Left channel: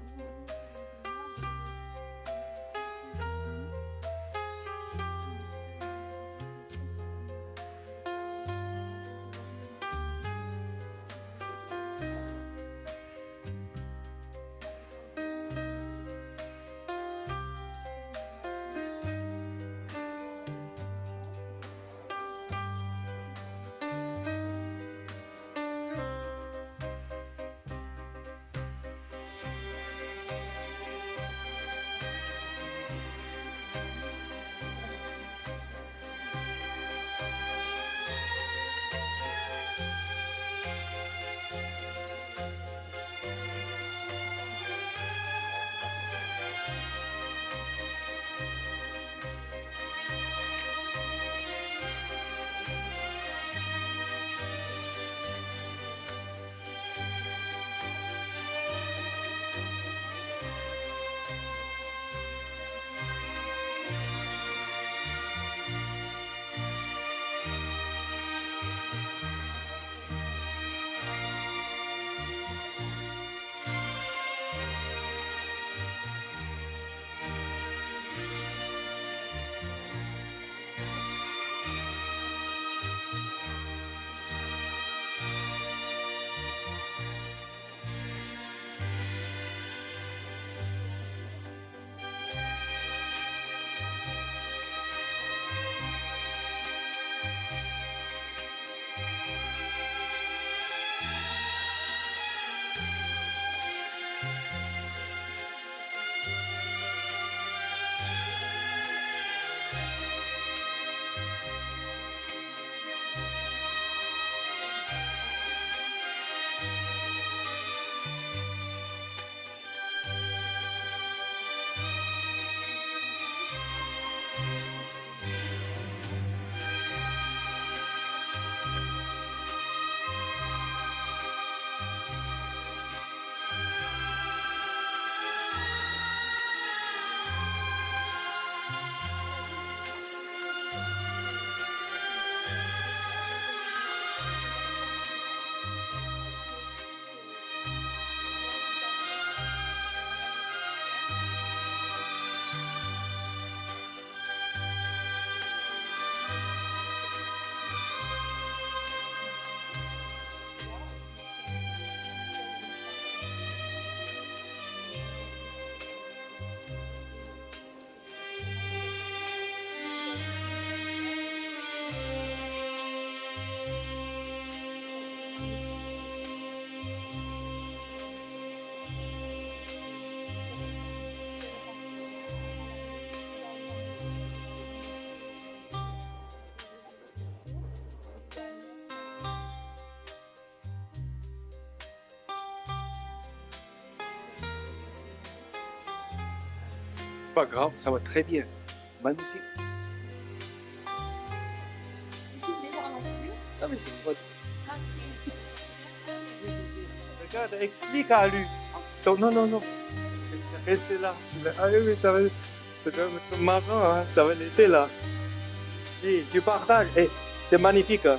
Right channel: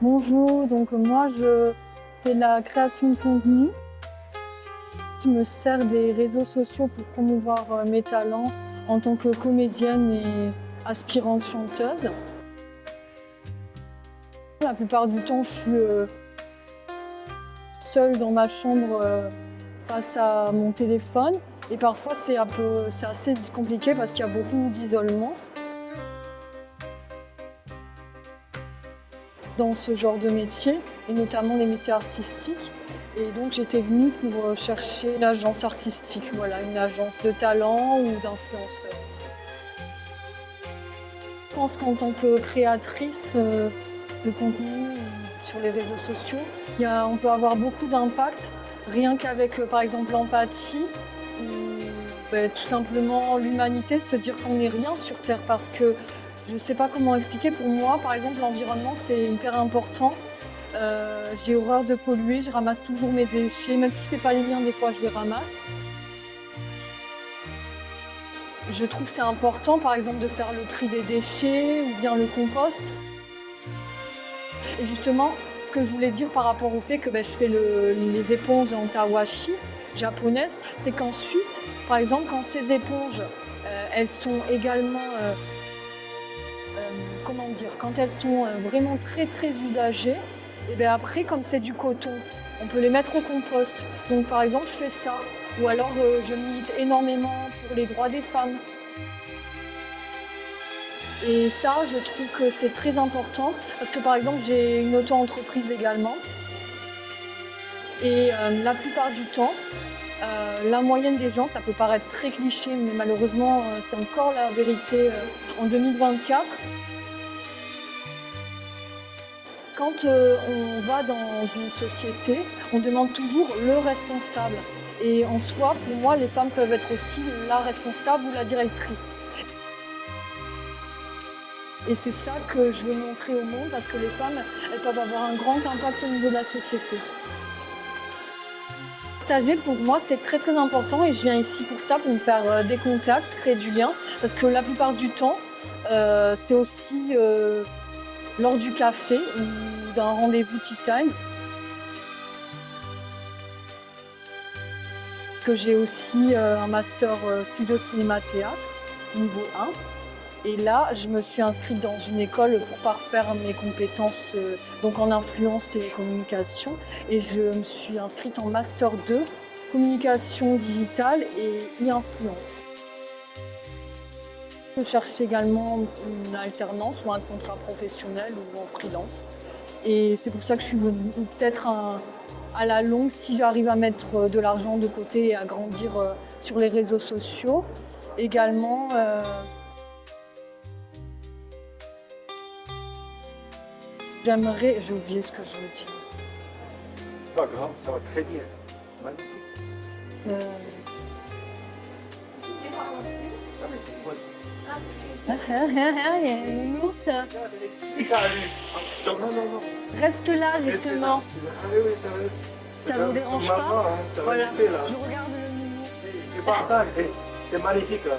Bonjour, donc moi je fais de la création de contenu. Je me sers des réseaux sociaux pour promouvoir mes talents en tant que comédienne et aspirante chanteuse. La plupart du temps, je suis seule dans ma chambre face à mon téléphone et parfois c'est assez compliqué parce qu'il y a beaucoup d'isolement. Dans ce genre de métier, et notamment les métiers artistiques. Et donc j'étais venue pour chercher une agence artistique, voilà, une agence de talent ou d'influenceur. Je pense qu'en tant que créatrice de contenu sur les réseaux sociaux, on peut avoir beaucoup d'impact, rien qu'avec par exemple l'empathie, ou tout simplement l'humanité, se dire qu'on n'est rien sur Terre parce que je ne sais pas comment expliquer. Pour moi, par exemple, l'environnement, c'est hyper important. J'ai horreur de polluer, je ramasse toujours mes déchets, même si ce n'est pas les miens, des fois je les ramasse. Je trouve que c'est important, par exemple, de faire le tri des déchets ou bien le compost. Et justement, ce que je voulais dire par rapport au fait que je fais les éponges en tawashi japonaises, c'est qu'ensuite, par exemple, quand ces éponges, elles sont également quand elles sont vraiment très usagées, et bien après, comme c'est du coton, on peut les mettre au compost. Donc par exemple, je fais ça. Ou alors je milite énormément pour les droits des femmes. Et ça, je trouve que c'est très important parce que par exemple, j'ai une auto-entreprise également. Et la plupart du temps, la moyenne des gens, ça peut paraître très cliché, mais malheureusement, c'est encore la vérité en 2024. Quand on va dans une société, on demande toujours le responsable. Et en soi, pour moi, les femmes peuvent être aussi la responsable ou la directrice. Et c'est ça que je veux montrer au monde parce que les femmes, elles peuvent avoir un grand impact au niveau de la société. Partager, pour moi, c'est très important et je viens ici pour ça, pour me faire des contacts, créer du lien. Parce que la plupart du temps, c'est aussi lors du café ou d'un rendez-vous tea time. Que j'ai aussi un master studio cinéma théâtre, niveau 1. Et là, je me suis inscrite dans une école pour parfaire mes compétences donc en influence et communication. Et je me suis inscrite en master 2, communication digitale et e-influence. Je cherche également une alternance ou un contrat professionnel ou en freelance. Et c'est pour ça que je suis venue. Peut-être à la longue, si j'arrive à mettre de l'argent de côté et à grandir sur les réseaux sociaux, également j'aimerais... J'ai oublié ce que je veux dire. Pas grave, ça va très bien. Magnifique. Regarde, explique à lui. Non. Reste là, Restez justement. là. Ah oui, ça va. Ça me dérange C'est marrant, pas. hein. Ça va Voilà. rester là. Je regarde le menu. Tu partages. Eh, c'est magnifique. Hein.